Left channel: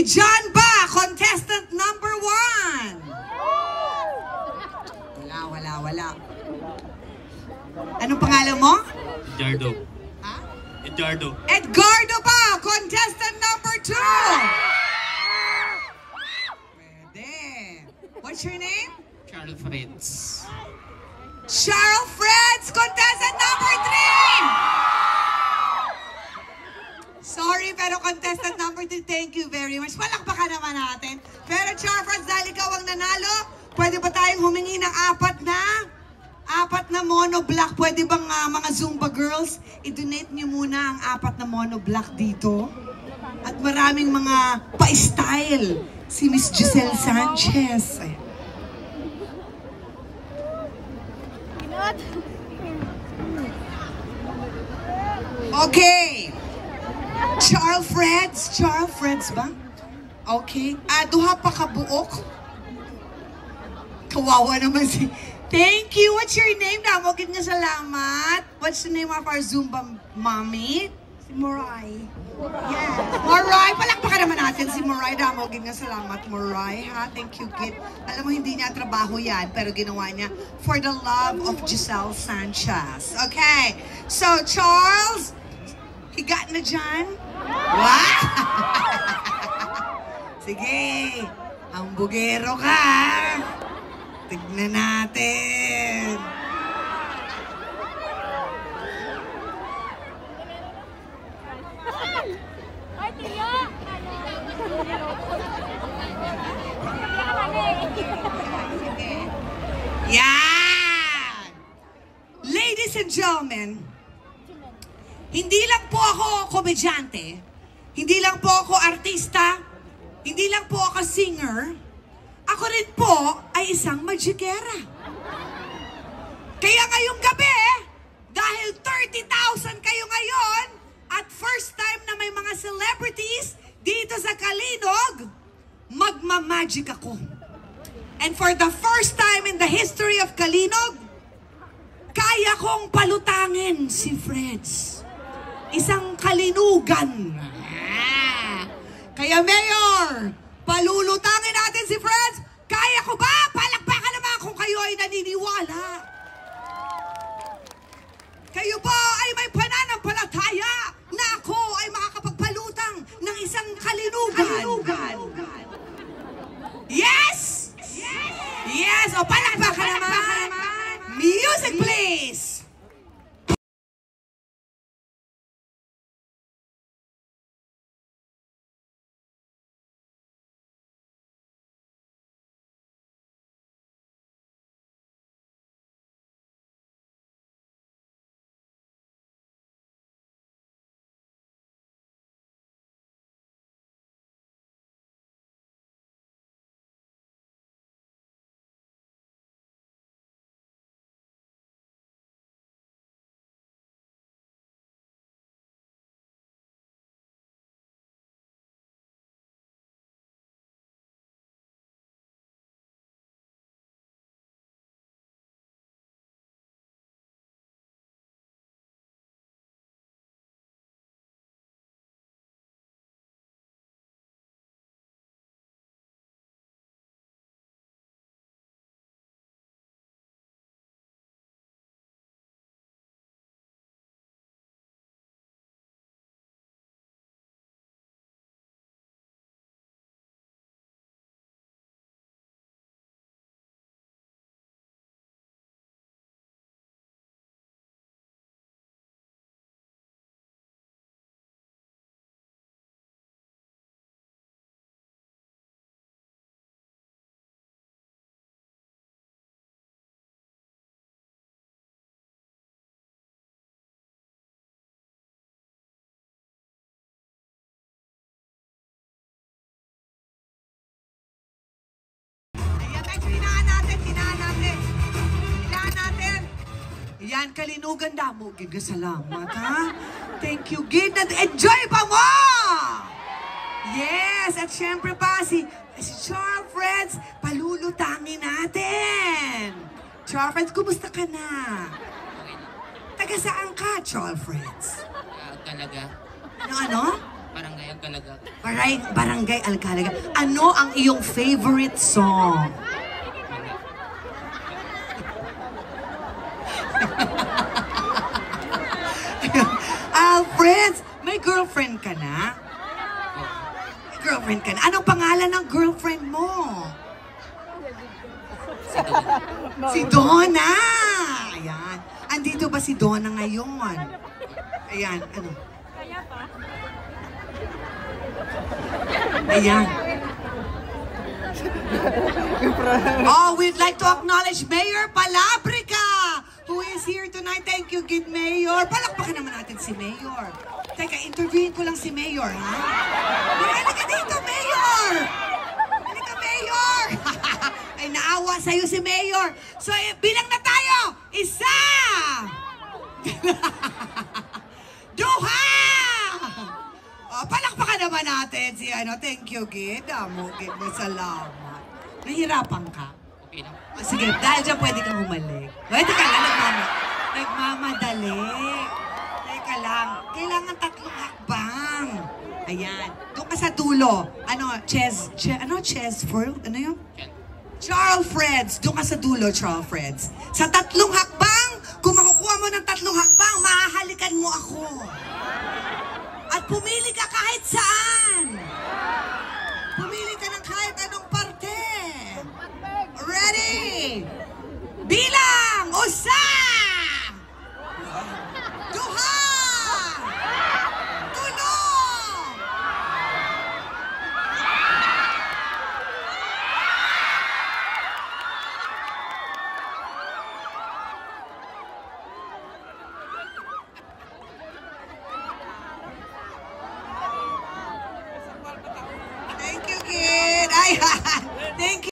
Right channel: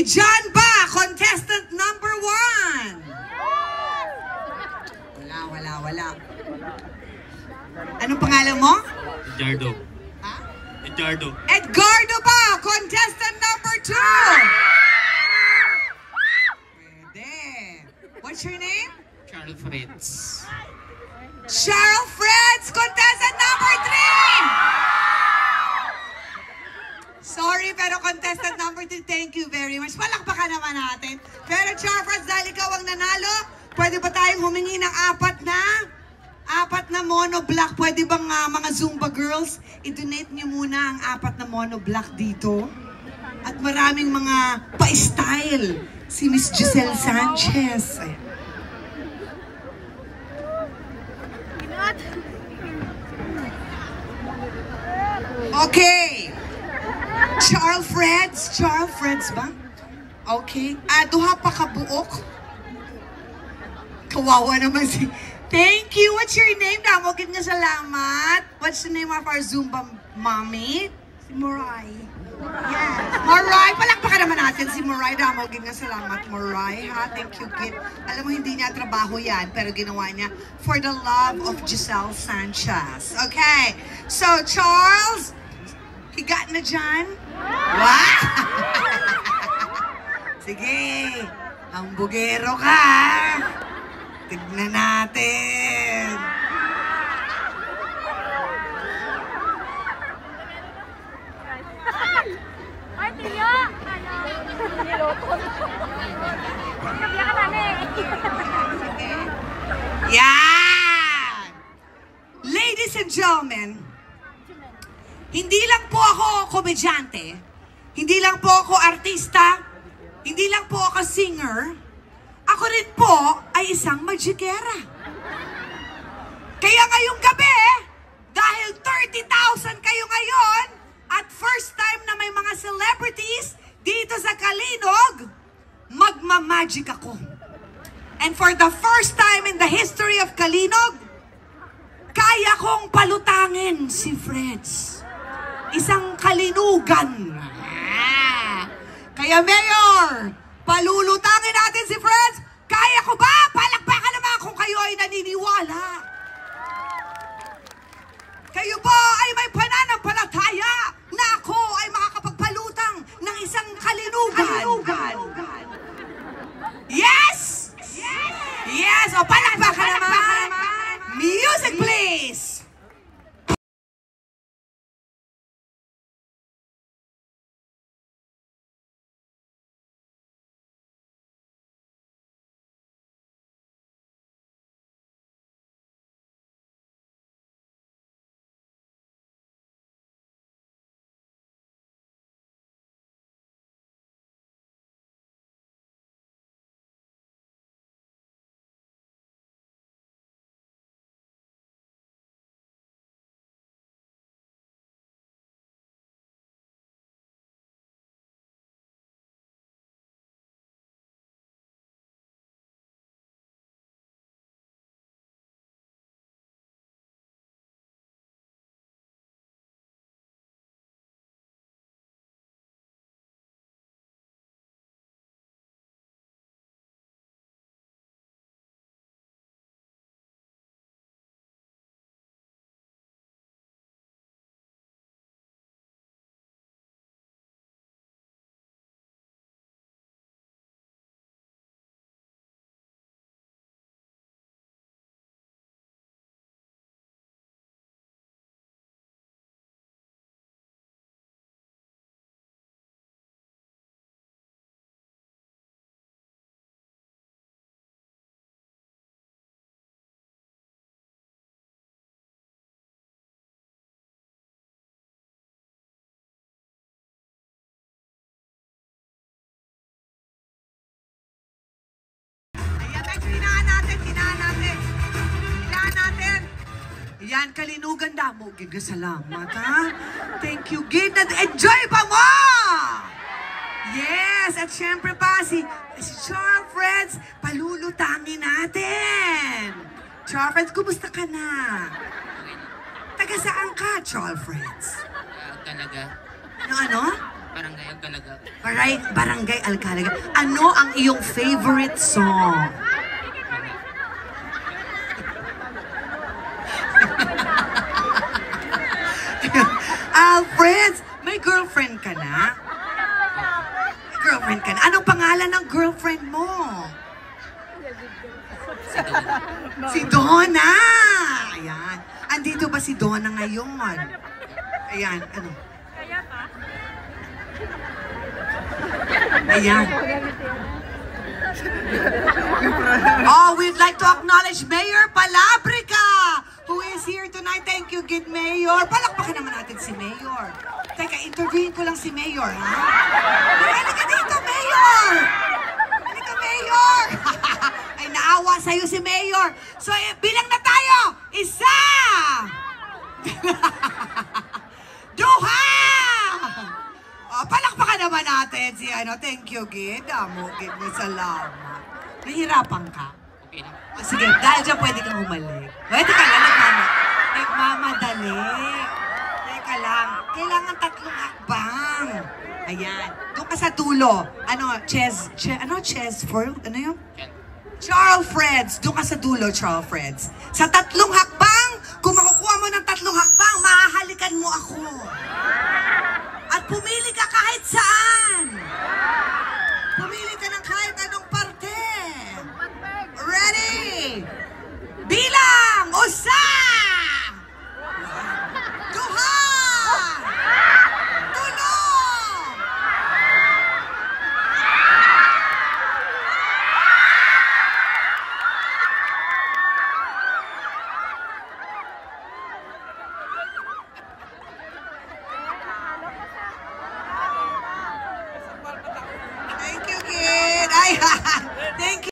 Si John ba, contestant number 1? Wala. Anong pangalan mo? Edgardo. Ha? Edgardo ba, contestant number 2? Pwede. What's your name? Charles Fritz. Cheryl Fritz, contestant number 3! Sorry, pero contestant number 3, thank you very much. Palakpakan naman natin. Pero Cheryl Fritz, dahil ikaw ang nanalo, pwede ba tayong humingi ng apat na monoblock? Pwede bang mga Zumba girls, i-donate nyo muna ang 4 na monoblock dito? At maraming mga pa-style. Si Miss Giselle Sanchez. Ayan. Okay. Charles Freds ba? Okay. Duha pa ka buok. Kawawa naman si... Thank you. What's your name? Damogin nga salamat. What's the name of our Zumba mommy? Si Moray. Yes. Moray. Palakpakan naman natin si Moray. Damogin nga salamat, Moray. Ha? Thank you, kid. Alam mo, hindi niya trabaho yan, pero ginawa niya for the love of Giselle Sanchez. Okay. So, Charles, higa na dyan. Wow! Sige. Hambugero ka. Tignan natin. Yan! Ladies and gentlemen, hindi lang po ako komedyante, hindi lang po ako artista, hindi lang po ako singer, ako rin po ay isang magikera. Kaya ngayong gabi, dahil 30,000 kayo ngayon, at first time na may mga celebrities dito sa Kalinog, magmamagic ako. And for the first time in the history of Kalinog, kaya kong palutangin si Freds. Isang kalinugan. Kaya Mayor, palulutangin natin si Freds. Kaya ko ba? Palakpakan naman kung kayo ay naniniwala. Kayo ba ay may pananampalataya na ako ay makakapagpalutang ng isang kalinugan? Yes! Yes! O palakpakan naman. Music please! Yan, kalinugan damo. Giga, salamat, ha? Thank you, Gid. Enjoy pa mo! Yes, at syempre pa, si Charles Freds, palulutangin natin. Charles Freds, kumusta ka na? Taga saan ka, Charles Freds? Talaga? Ano? Barangay Agalaga. Barangay Alcalaga. Ano ang iyong favorite song? Friends, may girlfriend ka na? May girlfriend ka na? Anong pangalan ng girlfriend mo? Si Donna. Si Donna! Ayan. Andito ba si Donna ngayon? Ayan, ano? Ayan. Oh, we'd like to acknowledge Mayor Palabrica, who is here tonight. Thank you, good Mayor. Palakpakan naman natin si Mayor. Teka, interviewin ko lang si Mayor, ha? Halika dito, Mayor! Halika, Mayor! Ay, naawa sa'yo si Mayor. So, bilang na tayo. Isa! Duha! Oh, palakpakan naman natin si thank you, Gid. Gid mo, salamat. Nahihirapan ka? Okay lang. Oh, sige, dahil dyan pwede kang humalik. Pwede ka lang, nagmamadali. Teka lang, kailangan 3 hakbang. Ayan, doon ka sa dulo. Chess Ford? Ano yun? Charles Freds, doon ka sa dulo, Charles Freds. Sa 3 hakbang, kung makukuha mo ng 3 hakbang, mahahalikan mo ako. At pumili ka kahit saan. Pumili ka ng kahit anong